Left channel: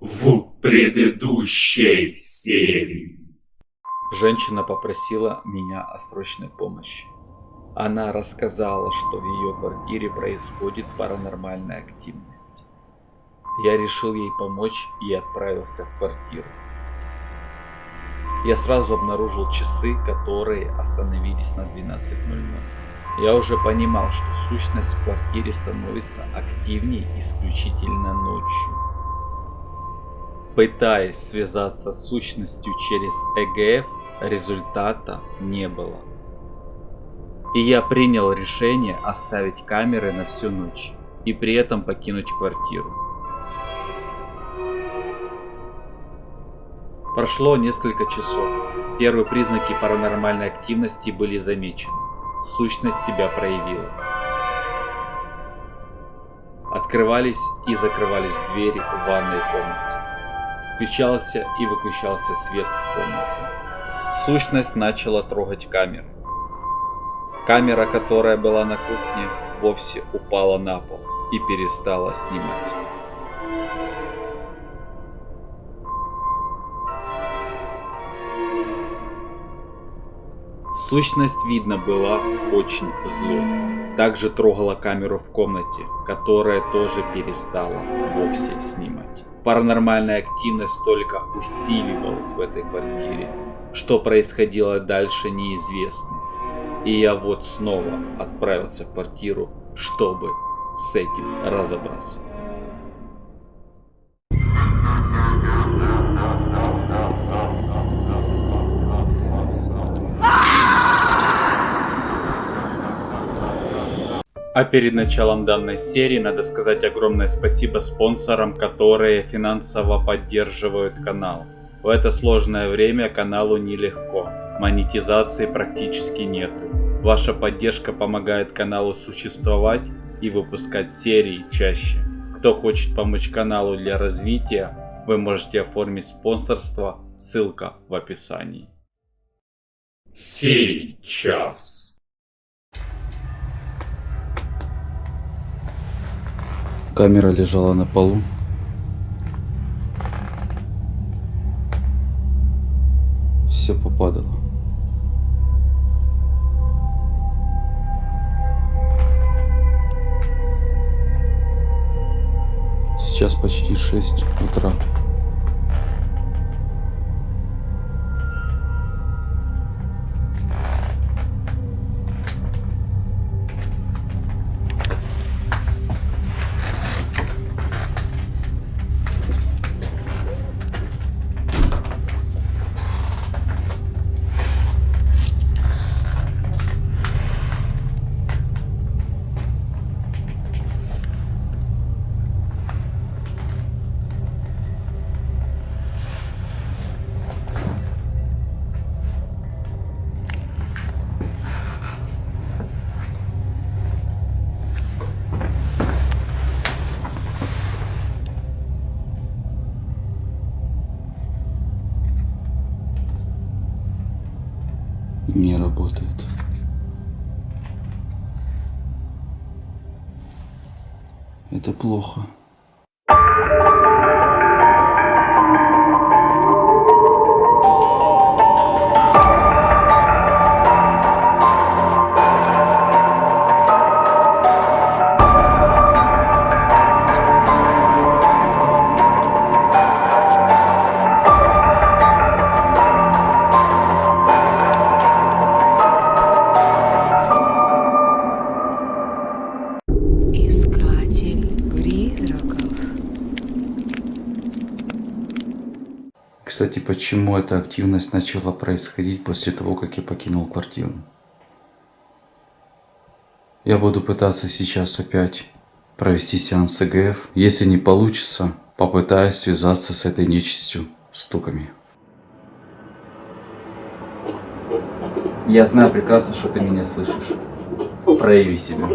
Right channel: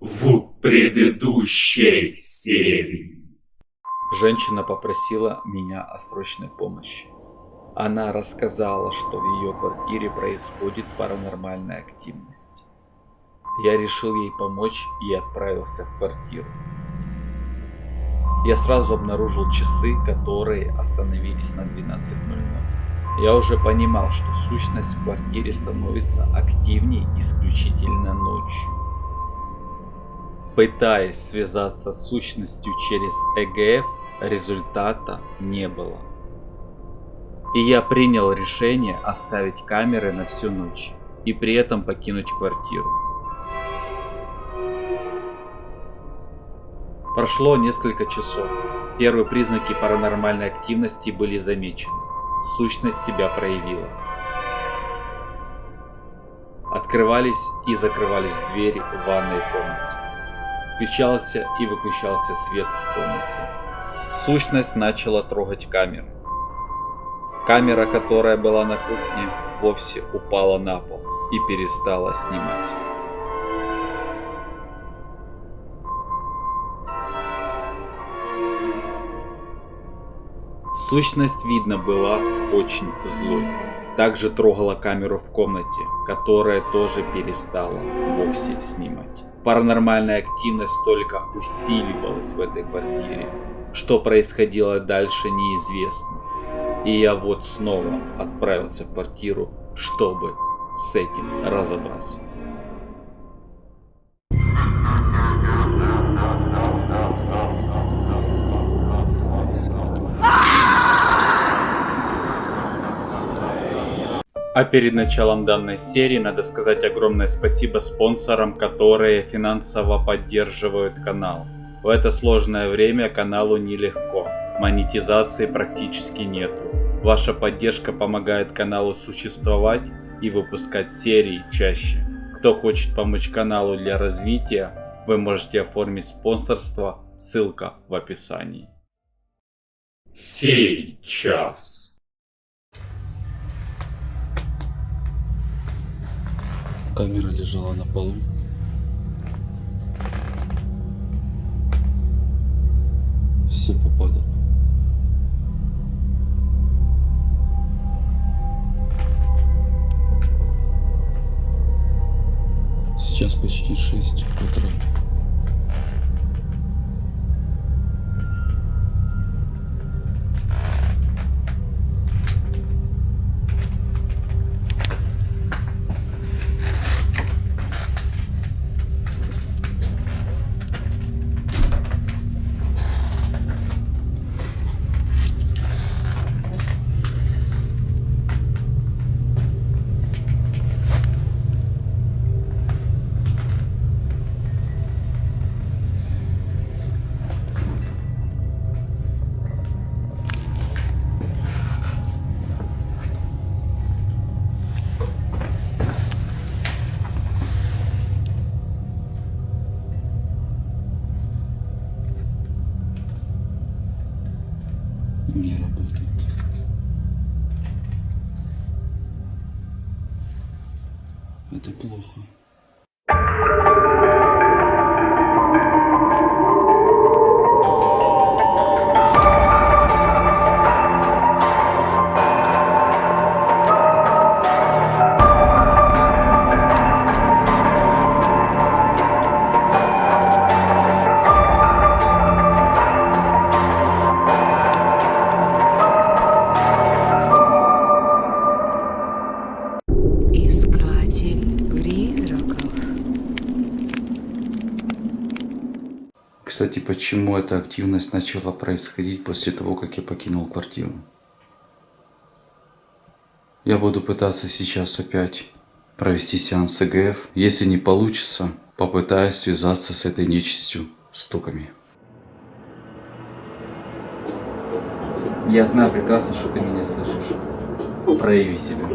в предыдущей серии. Женщина попросила меня о срочной помощи. Она рассказала, что в ее квартире происходит паранормальная активность. Я решил ей помочь и отправился в квартиру. Я сразу обнаружил часы, которые остановились на 12:00. Я уже понимал, что сущность в квартире становится активней исключительно ночью. Пытаясь связаться с сущностью через ЭГФ, результата не было. И я принял решение оставить камеры на всю ночь и при этом покинуть квартиру. Прошло несколько часов. Первые признаки паранормальной активности были замечены. Сущность себя проявила. Открывались и закрывались двери в ванной комнате. Включался и выключался свет в комнате. Сущность начала трогать камеры. Камера, которая была на кухне, вовсе упала на пол и перестала снимать. Сущность, видно, была очень злой. Также трогала камеру в комнате, которая тоже перестала вовсе снимать. Паранормальная активность только усиливалась в этой квартире. Что происходило дальше, неизвестно. И я вот снова отправился в квартиру, чтобы с этим разобраться. А перед началом данной серии надо сказать огромное спасибо спонсорам, которые финансово поддерживают канал. В это сложное время каналу нелегко, монетизации практически нету. Ваша поддержка помогает каналу существовать и выпускать серии чаще. Кто хочет помочь каналу для развития, вы можете оформить спонсорство, ссылка в описании. Сейчас. Камера лежала на полу. Все попадало. Сейчас почти 6 утра. Не работает. Это плохо. Кстати, почему эта активность начала происходить после того, как я покинул квартиру? Я буду пытаться сейчас опять провести сеанс ЭГФ. Если не получится, попытаюсь связаться с этой нечистью стуками. Я знаю прекрасно, что ты меня слышишь. Прояви себя.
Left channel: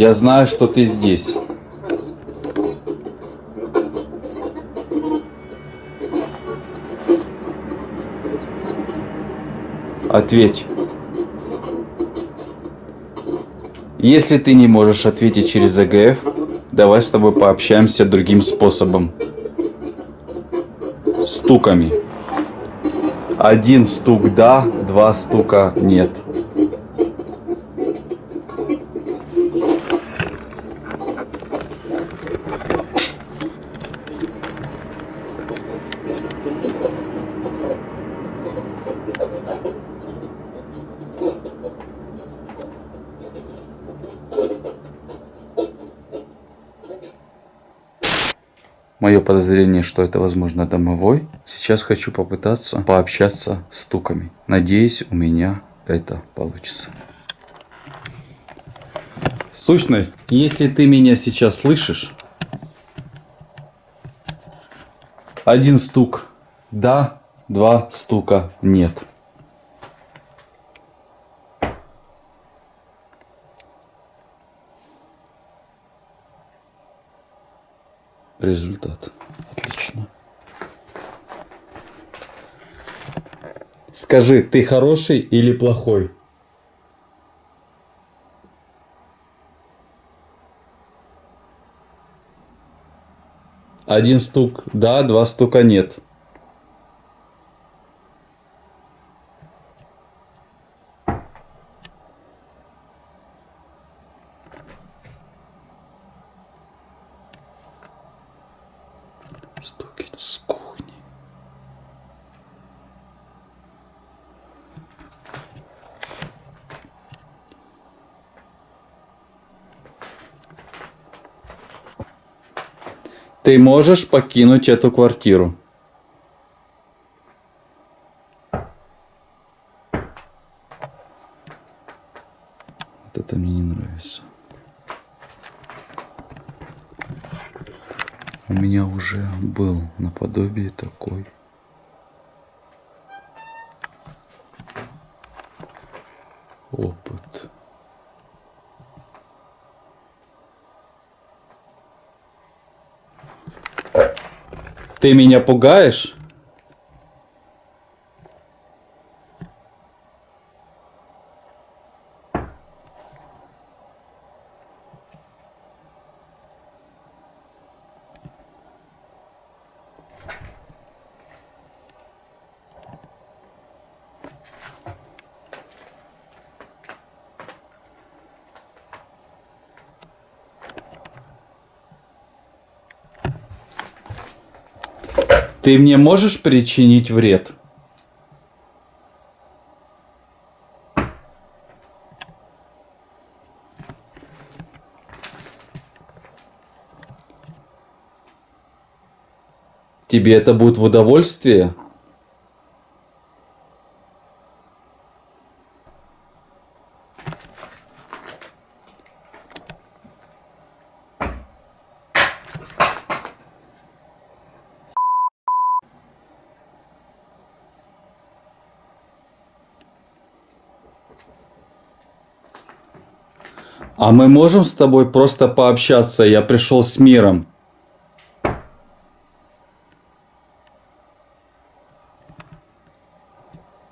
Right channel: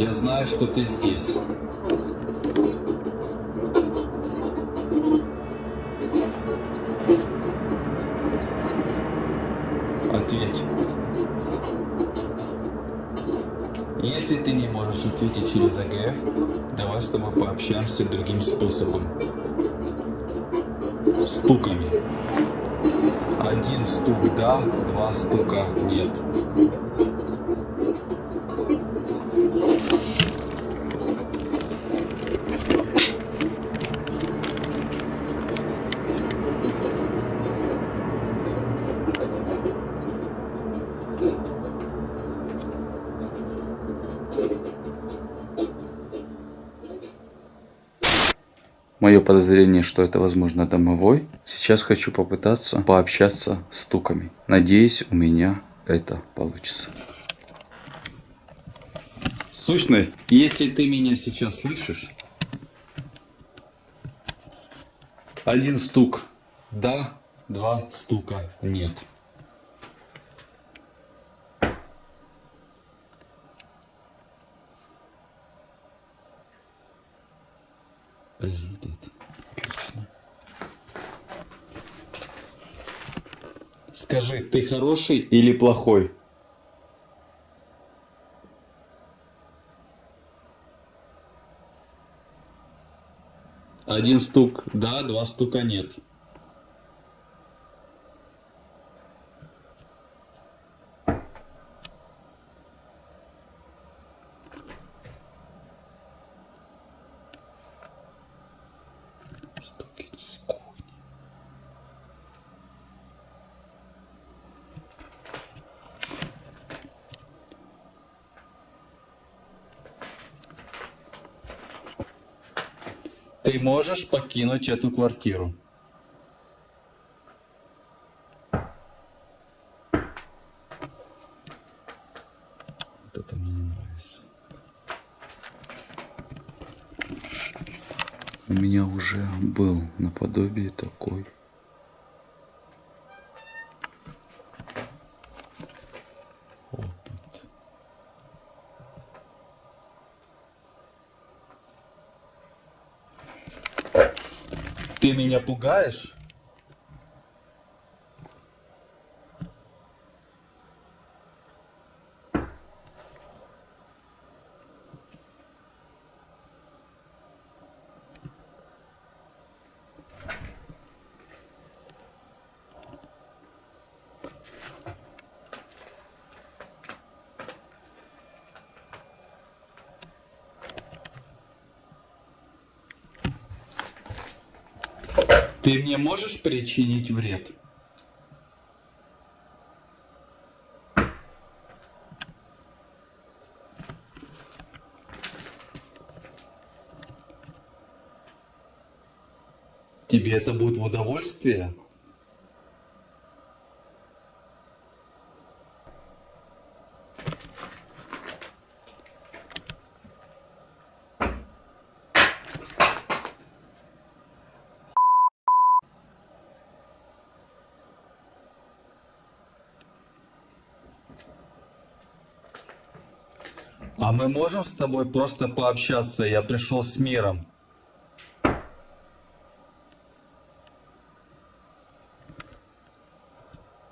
Я знаю, что ты здесь. Ответь. Если ты не можешь ответить через ЭГФ, давай с тобой пообщаемся другим способом. Стуками. 1 стук да, 2 стука нет. Мое подозрение, что это, возможно, домовой. Сейчас хочу попытаться пообщаться с стуками. Надеюсь, у меня это получится. Сущность, если ты меня сейчас слышишь, 1 стук да, 2 стука нет. Результат. Отлично. Скажи, ты хороший или плохой? Один стук да, 2 стука нет. Стуки с кухни. Ты можешь покинуть эту квартиру. Вот это мне не нравится. У меня уже был наподобие такой опыт. Ты меня пугаешь? Ты мне можешь причинить вред? Тебе это будет в удовольствие? А мы можем с тобой просто пообщаться? Я пришел с миром.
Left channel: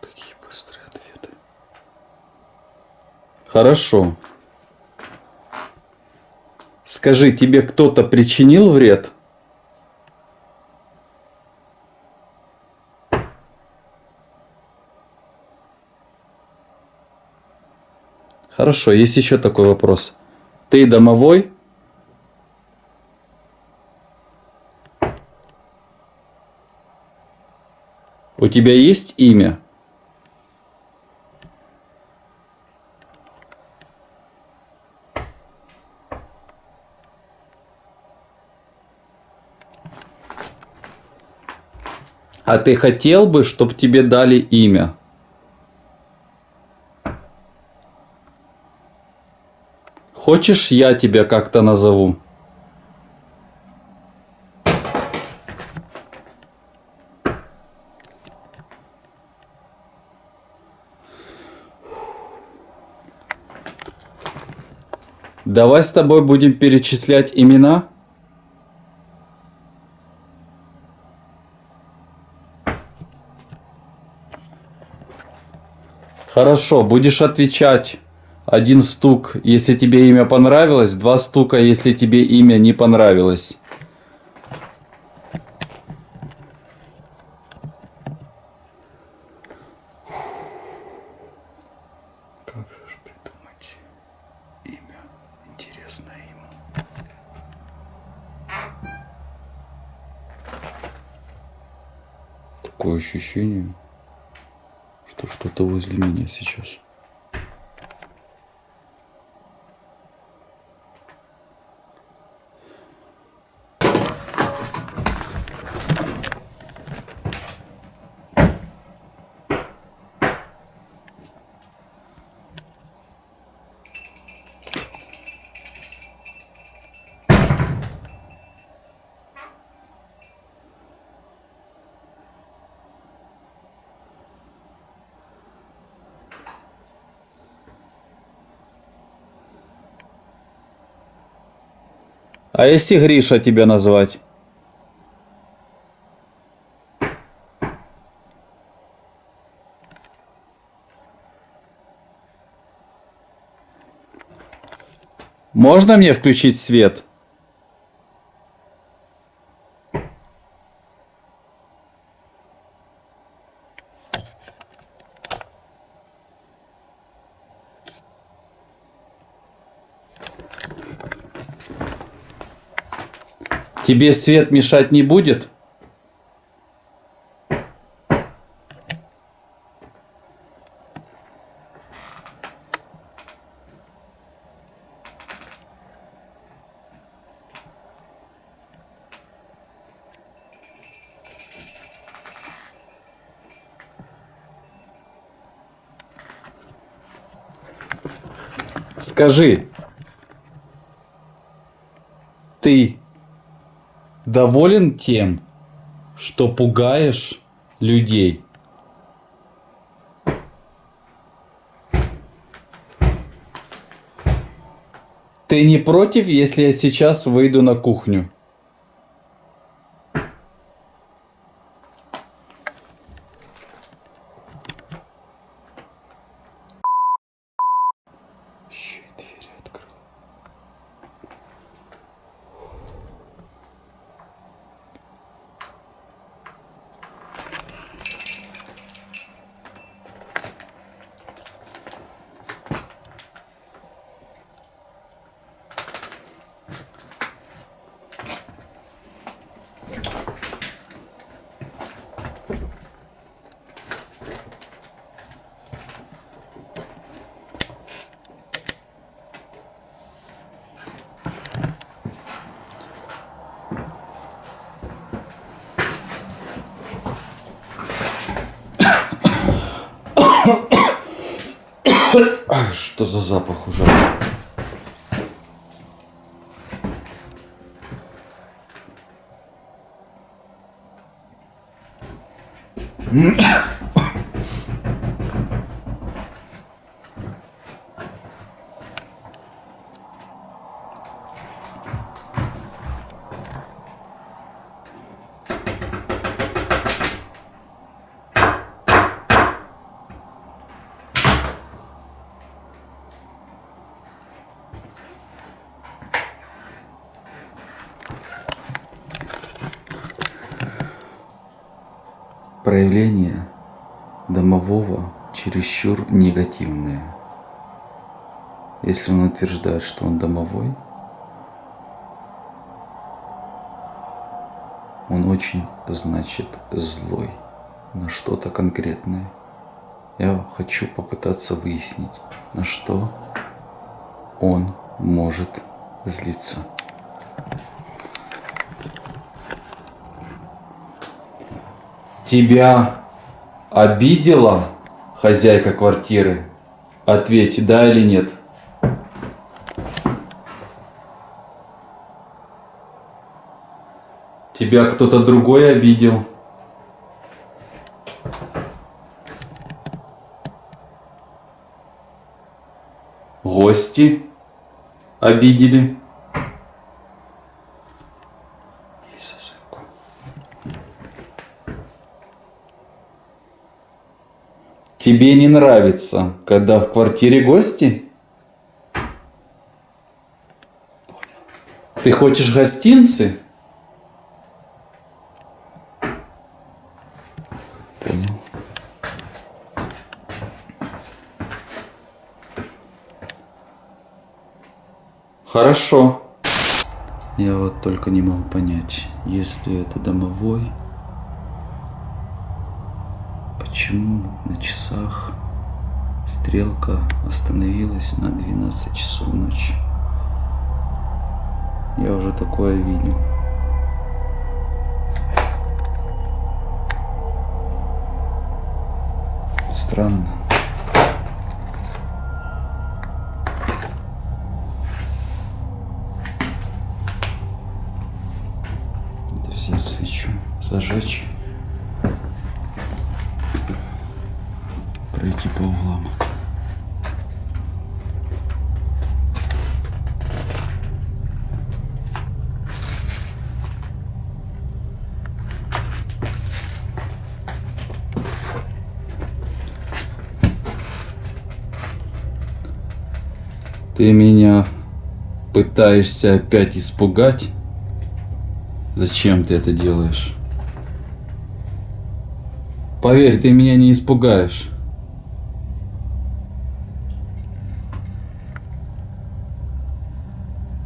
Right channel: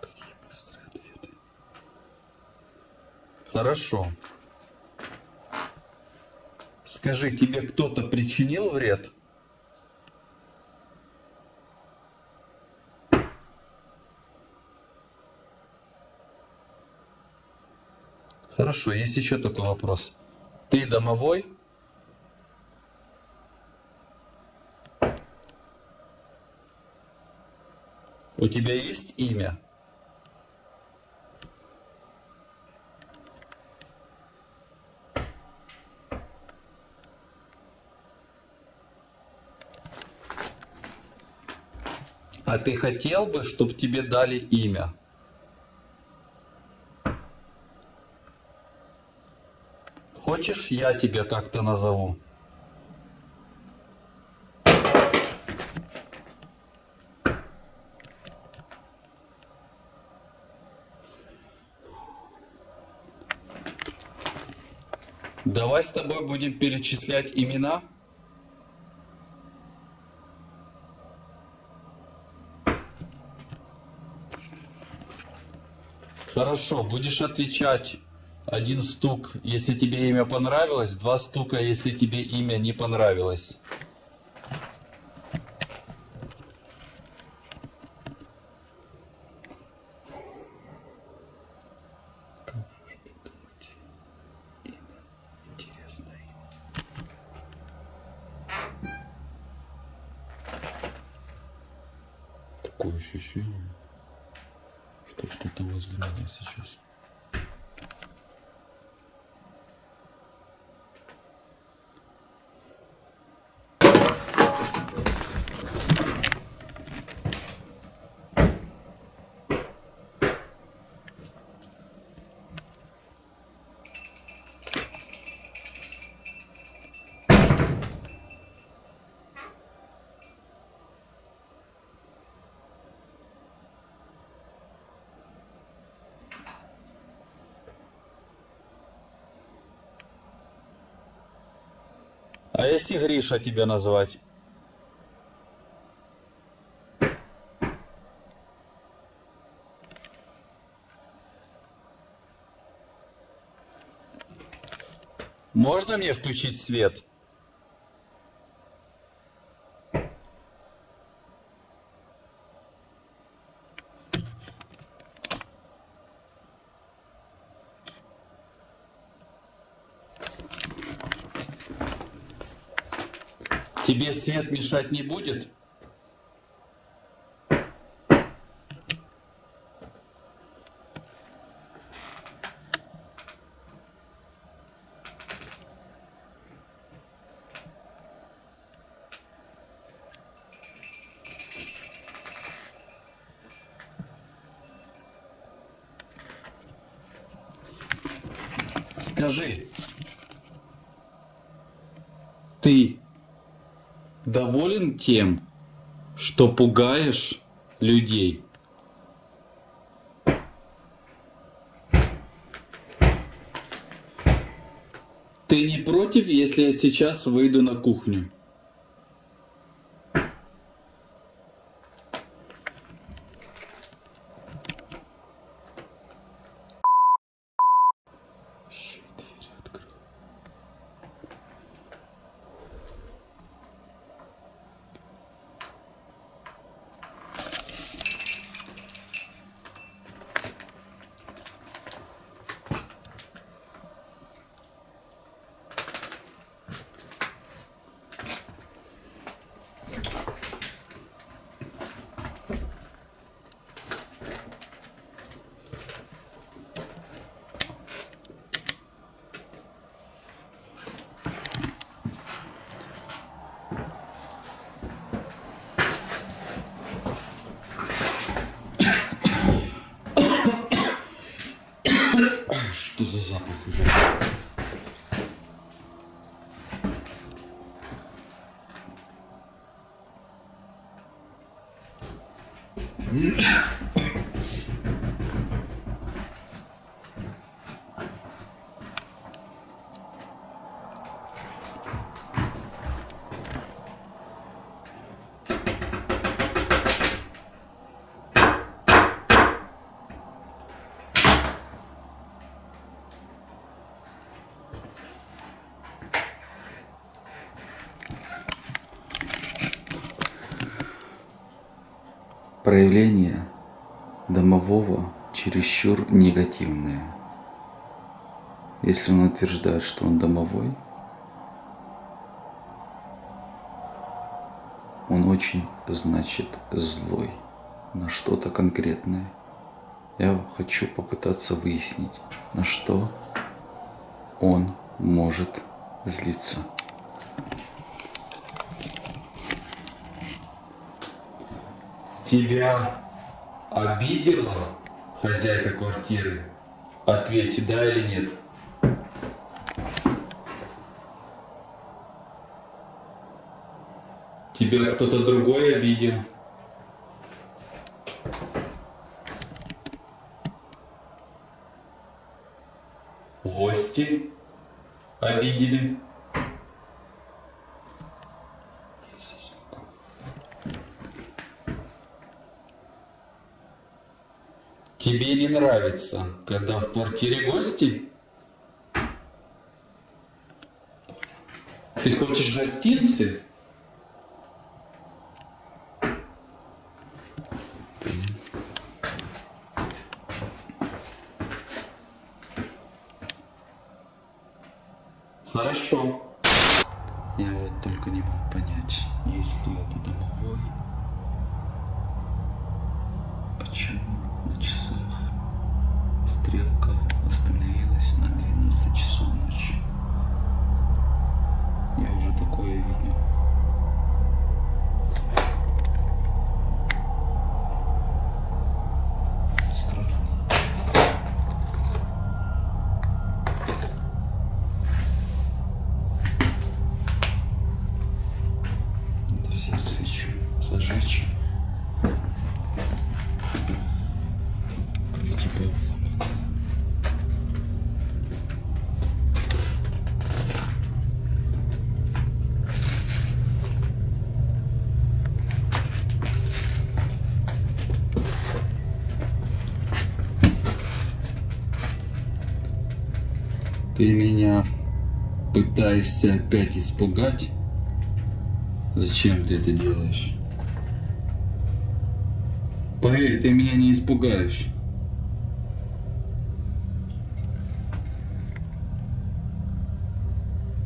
Какие быстрые ответы. Хорошо. Скажи, тебе кто-то причинил вред? Хорошо, есть еще такой вопрос. Ты домовой? У тебя есть имя? А ты хотел бы, чтобы тебе дали имя? Хочешь, я тебя как-то назову? Давай с тобой будем перечислять имена. Хорошо, будешь отвечать. 1 стук, если тебе имя понравилось, 2 стука, если тебе имя не понравилось. Как же придумать имя? Интересное имя. Такое ощущение, что что-то возле меня сейчас. А если Гриша тебя назвать? Можно мне включить свет? Тебе свет мешать не будет? Скажи, ты доволен тем, что пугаешь людей? Ты не против, если я сейчас выйду на кухню? Еще и двери открыл. Что за запах ужасный? Проявление домового чересчур негативное. Если он утверждает, что он домовой, он очень, значит, злой на что-то конкретное. Я хочу попытаться выяснить, на что он может злиться. Тебя обидела хозяйка квартиры? Ответь, да или нет. Тебя кто-то другой обидел? Гости обидели? Тебе не нравится, когда в квартире гости? Ты хочешь гостинцы? Понял. Хорошо. Я вот только не могу понять, если это домовой, почему на часах стрелка остановилась на 12 часов ночи? Я уже такое видел. Странно. Надо взять свечу, зажечь, пройти по углам. Ты меня пытаешься опять испугать? Зачем ты это делаешь? Поверь, ты меня не испугаешь.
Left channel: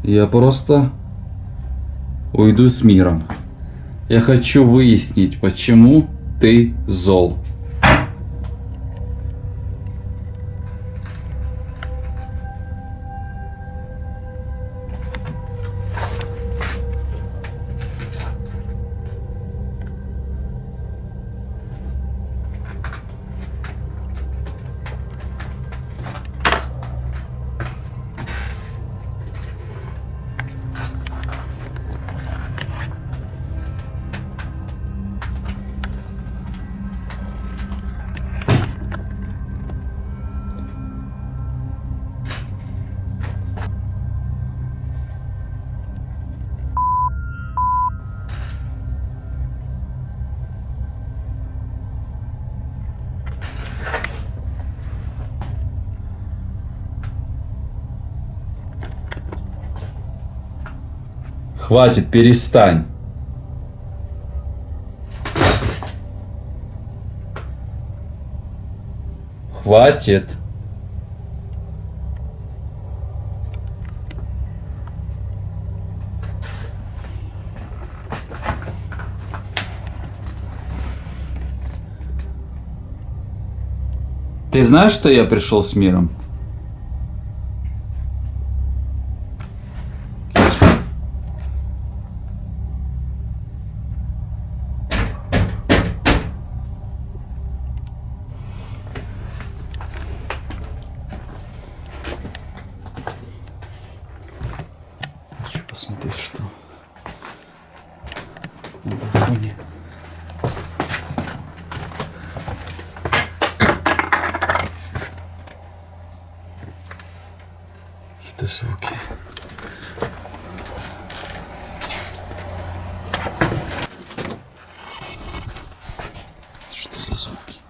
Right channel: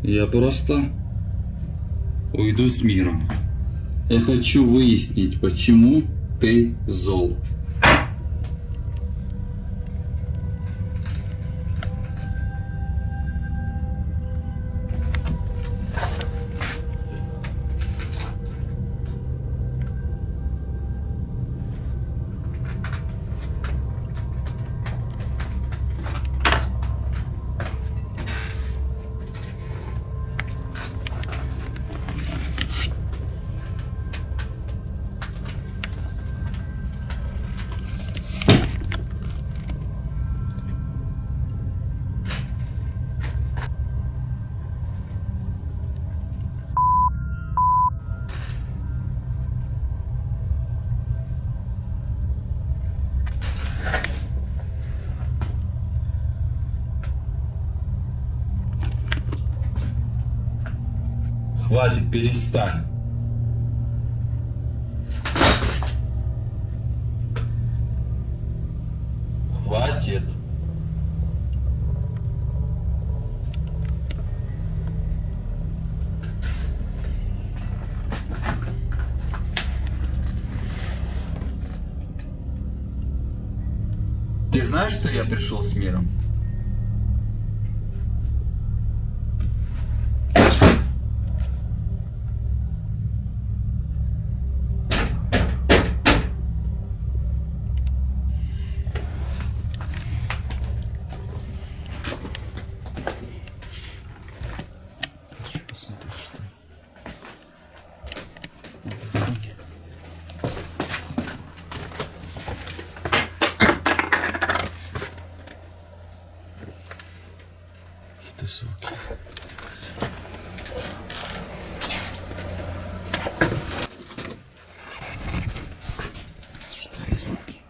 Я просто уйду с миром. Я хочу выяснить, почему ты зол. Хватит, перестань. Хватит. Ты знаешь, что я пришел с миром? Хочу посмотреть, что на балконе. Какие-то звуки. Что за звуки?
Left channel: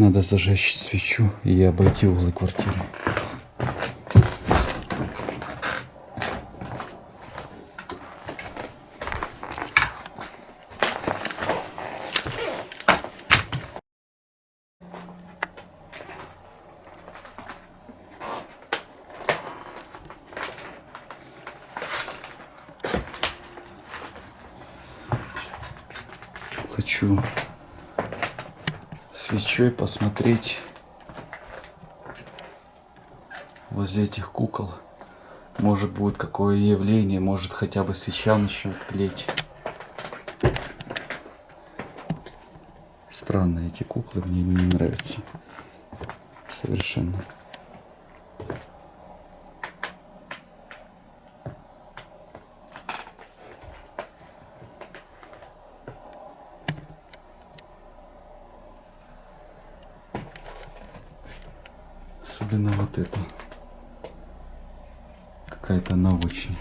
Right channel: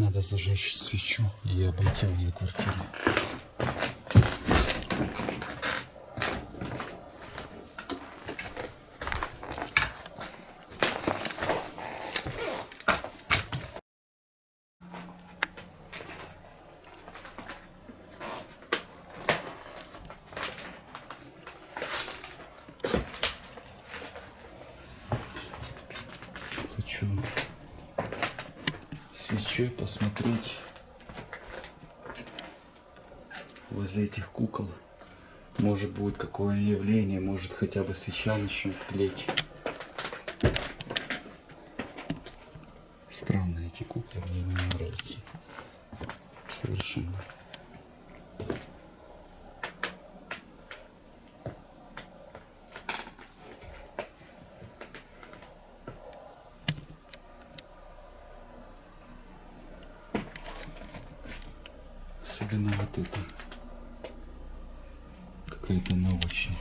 Надо зажечь свечу и обойти углы квартиры. Хочу свечой посмотреть возле этих кукол. Может будет какое явление, может хотя бы свеча начнет тлеть. Странно, эти куклы мне не нравятся. Совершенно. Особенно вот это. Какая-то она очень.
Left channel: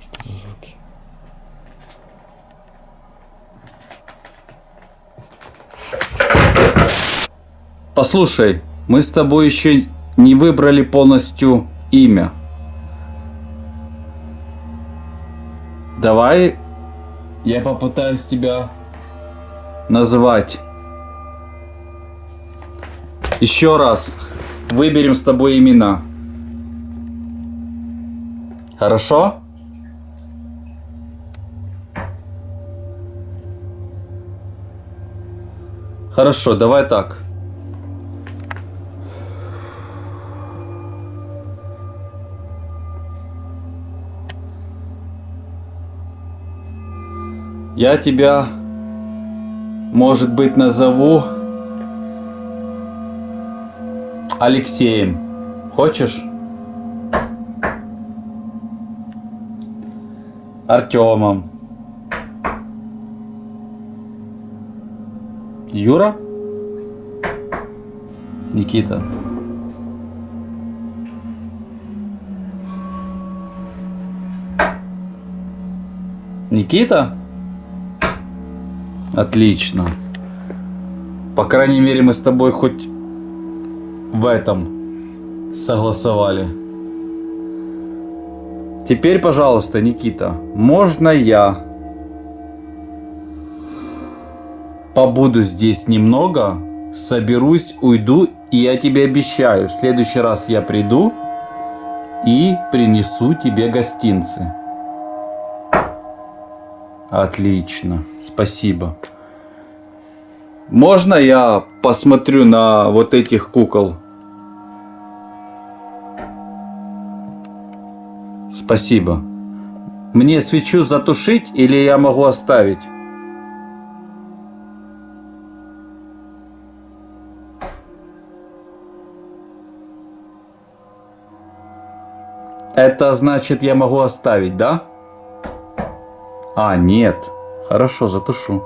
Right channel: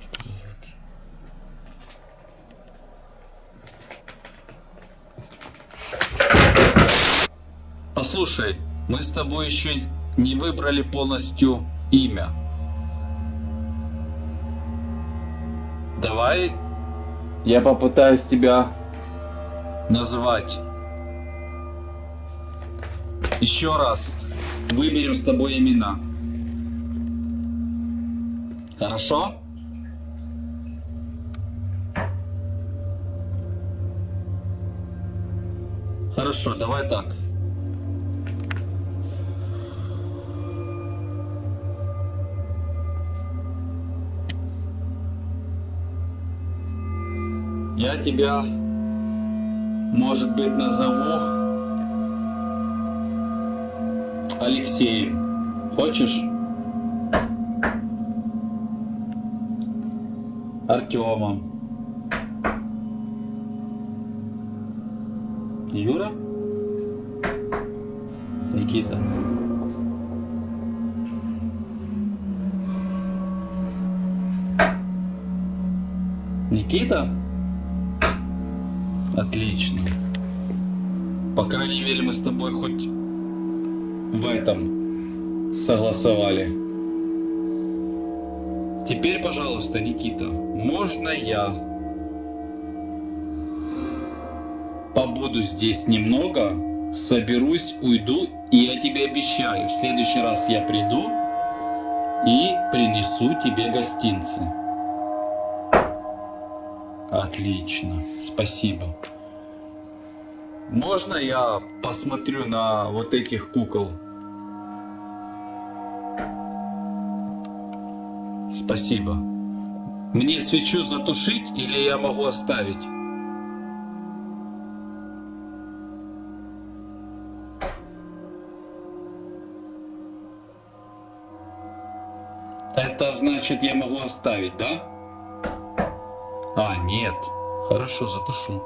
Что за звуки? Послушай, мы с тобой еще не выбрали полностью имя. Давай я попытаюсь тебя назвать. Еще раз. Выберем с тобой имена. Хорошо? Хорошо, давай так. Я тебя, может быть, назову Алексеем. Хочешь? Артемом. Юра? Никита. Никита? Отлично. По крайней мере, мы с тобой хоть в этом согласовали. Теперь, пожалуйста, Никита, можно я побуду здесь немного, соберусь, уйду, и я тебе обещаю, в следующий раз я приду и принесу тебе гостинцы. Отлично, спасибо. Можно я посмотрю на вот этих кукол? Спасибо. Мне свечу затушить или я могу оставить? Это значит, я могу оставить, да? А, нет. Хорошо, затушу.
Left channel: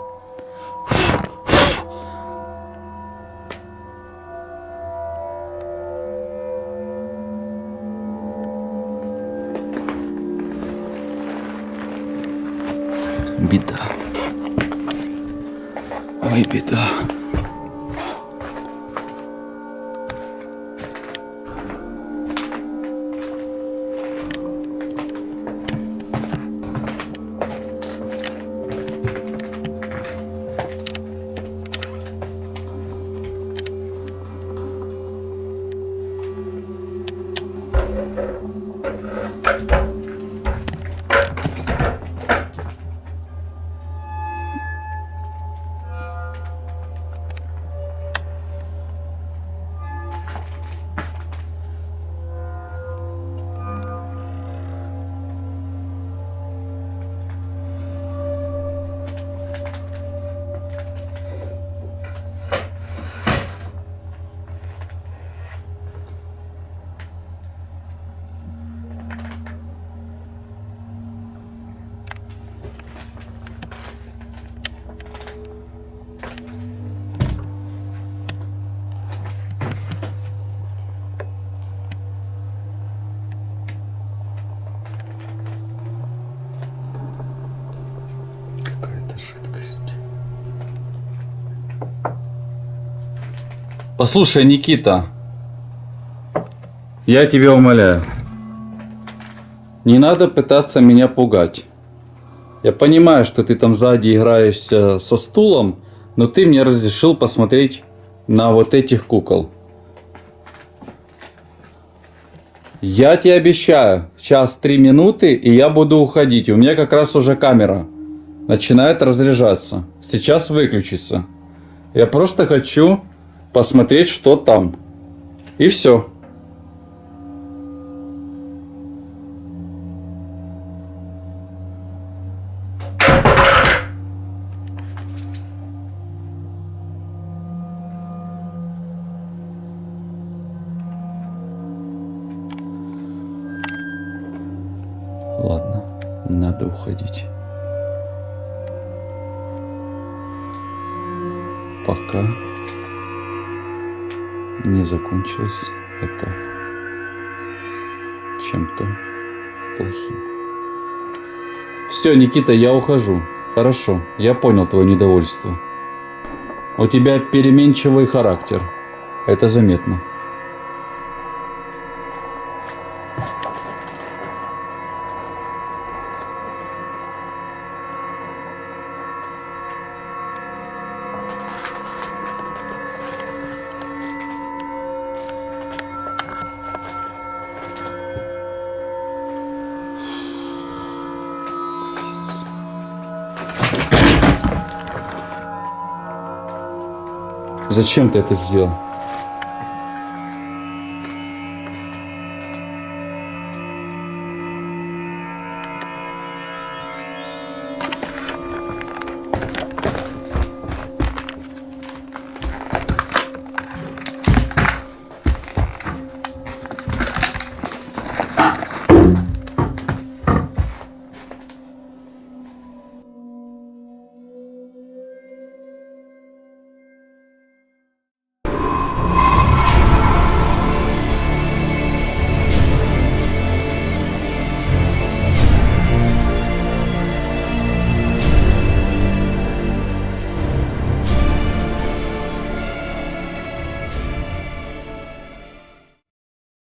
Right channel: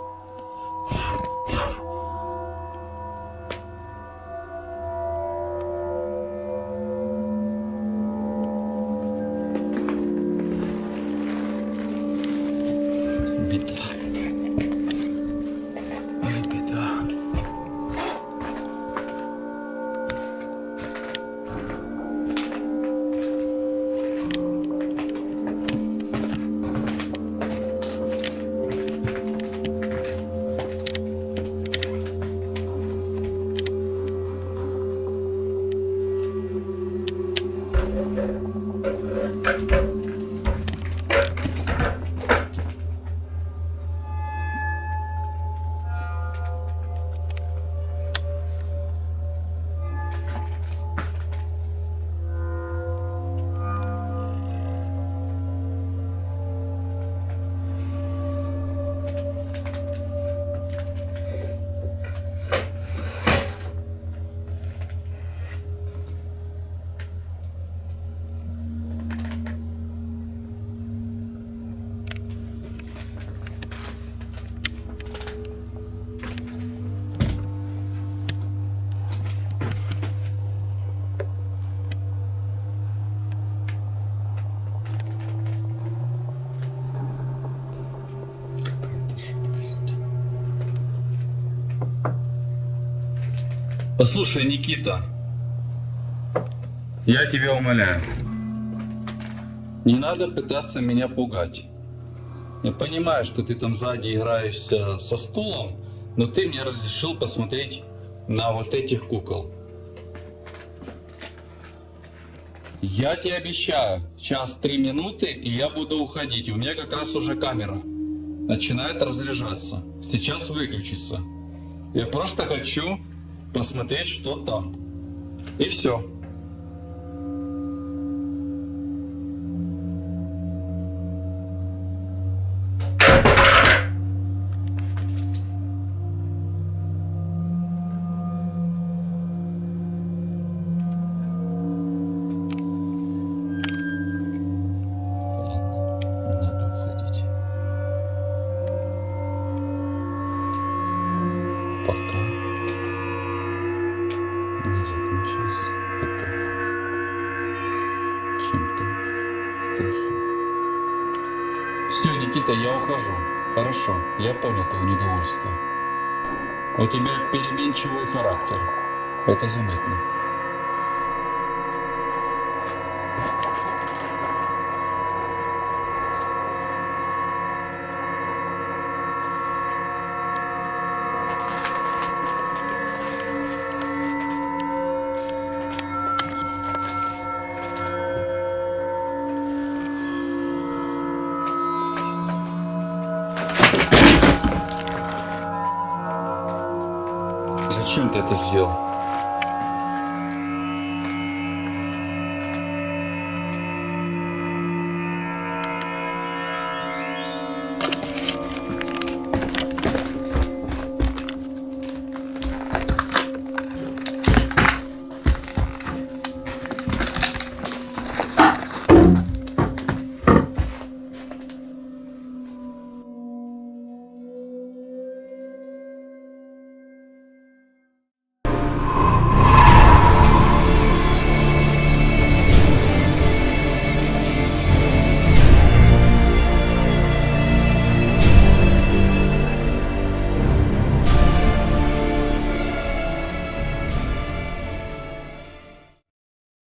Беда. Ой, беда. Послушай, Никита, я тебя умоляю, не надо пытаться меня пугать. Я понимаю, что ты там сзади играешься со стулом, но ты мне разрешил посмотреть на вот этих кукол. Я тебе обещаю, сейчас 3 минуты, и я буду уходить. У меня как раз уже камера начинает разряжаться. Сейчас выключится. Я просто хочу посмотреть, что там. И все. Ладно, надо уходить. Пока не закончилось это чем-то плохим. Все, Никита, я ухожу. Хорошо, я понял твое недовольство. У тебя переменчивый характер. Это заметно. Зачем ты это сделал?